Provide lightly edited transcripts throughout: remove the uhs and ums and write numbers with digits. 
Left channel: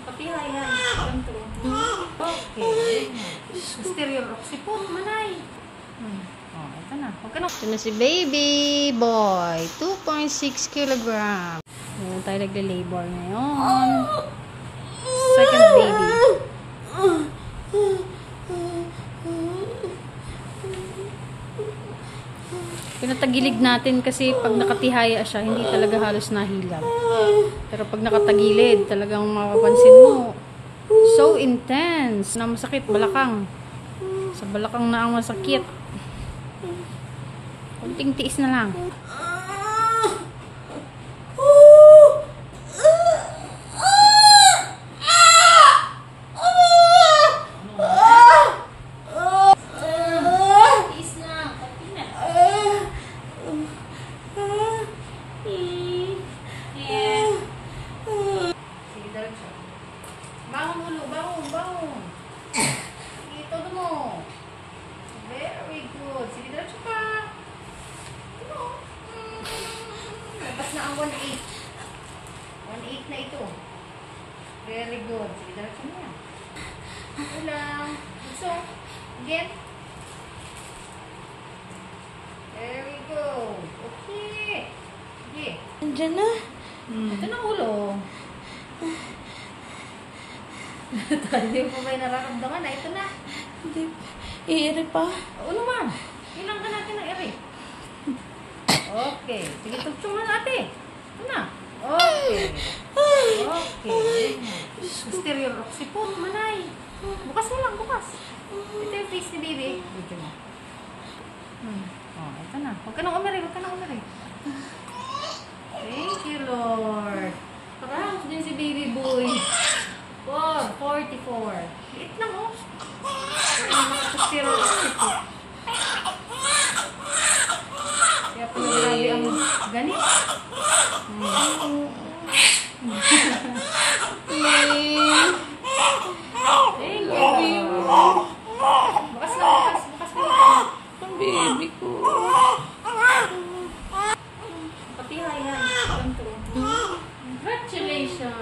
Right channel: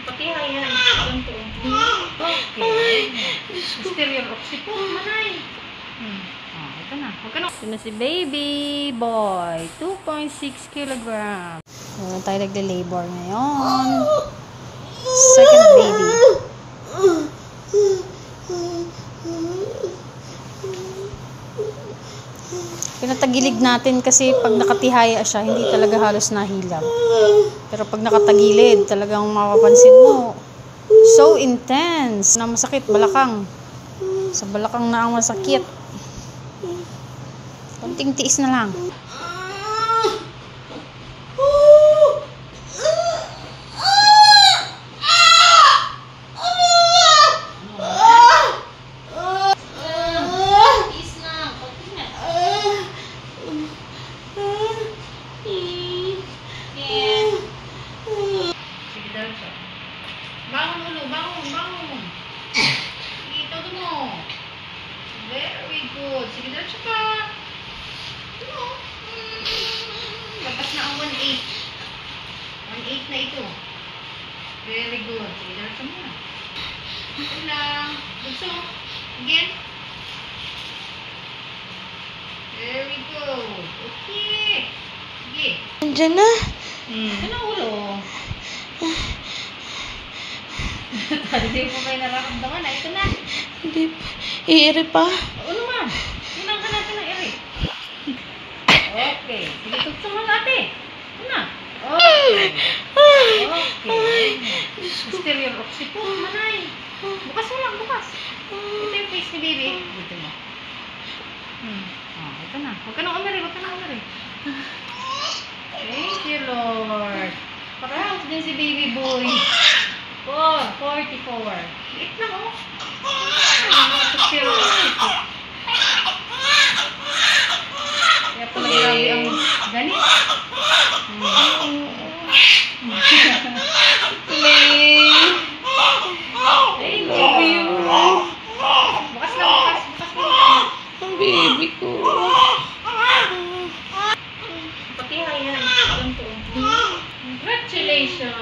Patihay yan. Ganito. Okay. Stereo roxy po, manay. Ito na. Ito na si baby boy. 2.6 kilograms. Meron tayo nagle-labor ngayon. Second baby. Pinatagilid natin kasi pag nakatihaya siya, hindi talaga halos nahilab. Pero pag nakatagilid, talagang mapapansin mo, so intense na masakit balakang. Sa balakang na ang masakit. Konting tiis na lang. Bangun. Ito mo. Very good. Sige, diretso ka. Ito. Tapos na ang 1/8. 1/8 na ito. Very good. Sige, diretso mo. Ito lang. Bugso. Again. Very good. Okay. Sige. Andiyan na. Ito na ulo. Hindi mo kayo nararamdaman na. Ito na. Hindi. Iiri pa. Oo naman. Hinang ka natin na ere. Okay. Sige, tugtong mo natin. Ito na. Okay. Okay. Stereo roxy po, manay. Bukas mo lang, bukas. Ito yung face ni baby. Dito mo. Ito na. Huwag ka nang umari, huwag ka nang umari. Thank you, Lord. Parang din si baby boy. 44. Liit lang, oh. Stereo roxy po. Kaya pala grabe ang ganit. Thank you. Bukas lang, bukas. Bukas lang. Ang baby ko. Patihay yan. Ganito. Congratulations.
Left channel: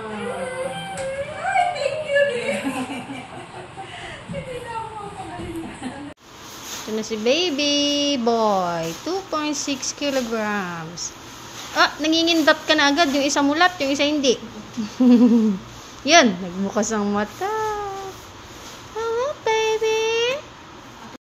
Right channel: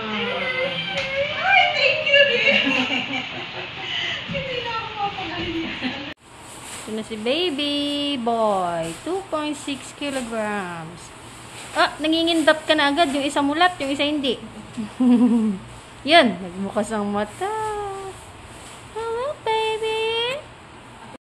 Ay, thank you rin. Hindi na ako mapagaling. Ito na si baby boy. 2.6 kilograms. Ah, nangingindot ka na agad. Yung isa mulat, yung isa hindi. Yan, nagbukas ang mata.